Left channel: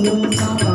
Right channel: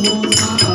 Om Namah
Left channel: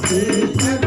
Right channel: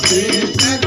Krishna